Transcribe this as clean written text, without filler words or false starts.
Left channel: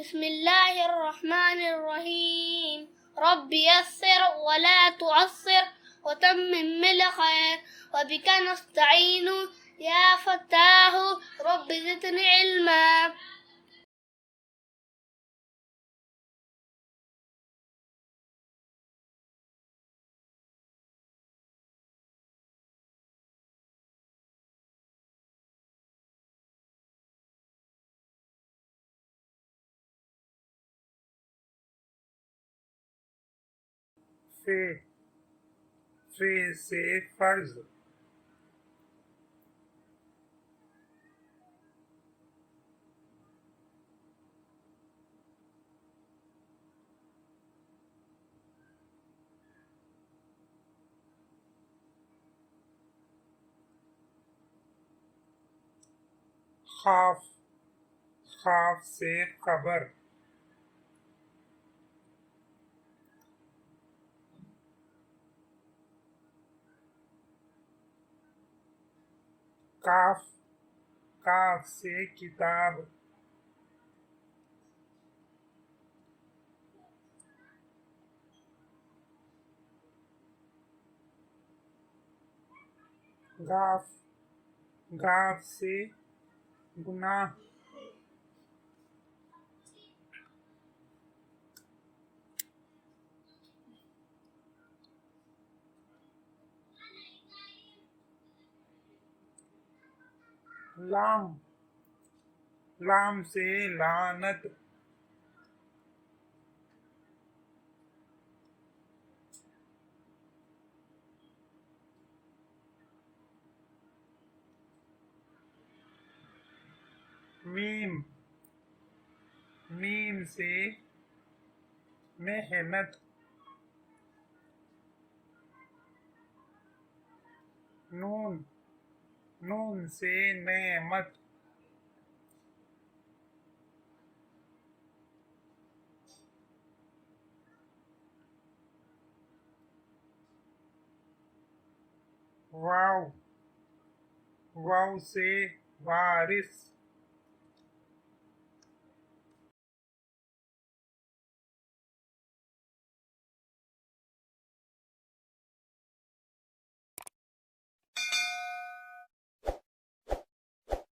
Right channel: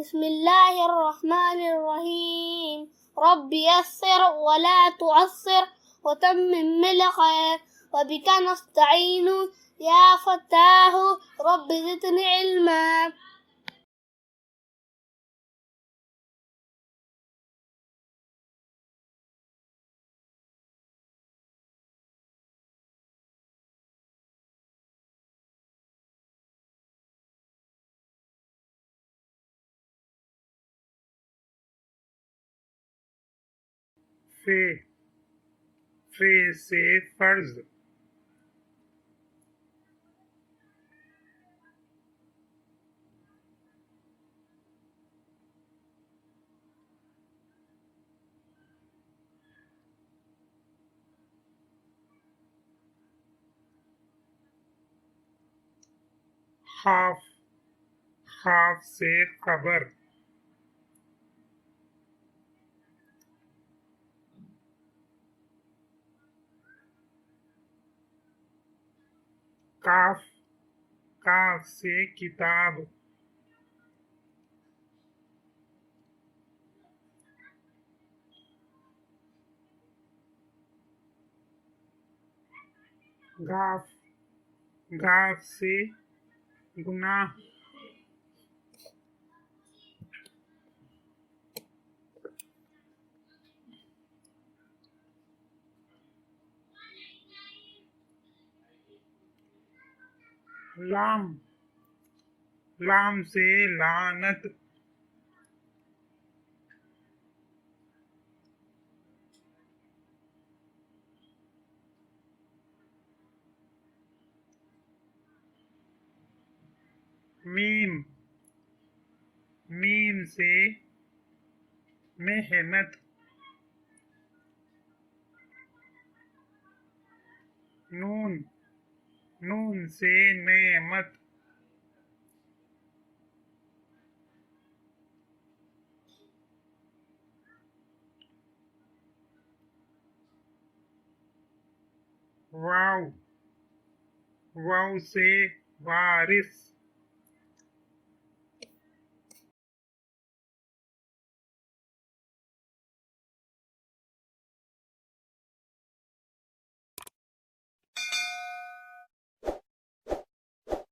बिस्मिल्लाहिर्रहमानिर्रहीम। रब्बि यस्सिर वला तुअस्सिर वतम्मिम बिल खैर वबिका नस्तईनु या फत्ताहु रब्बि ज़िदनी इल्मा। फे फे से फर्ज। खाफ खाफ से खबर। काफ काफ से किताब। गाफ गाफ से गुनाह। लाम लाम से लानत। मीम मीम से मेहनत। नून नून से नेमत। वाव वाव से वारिस।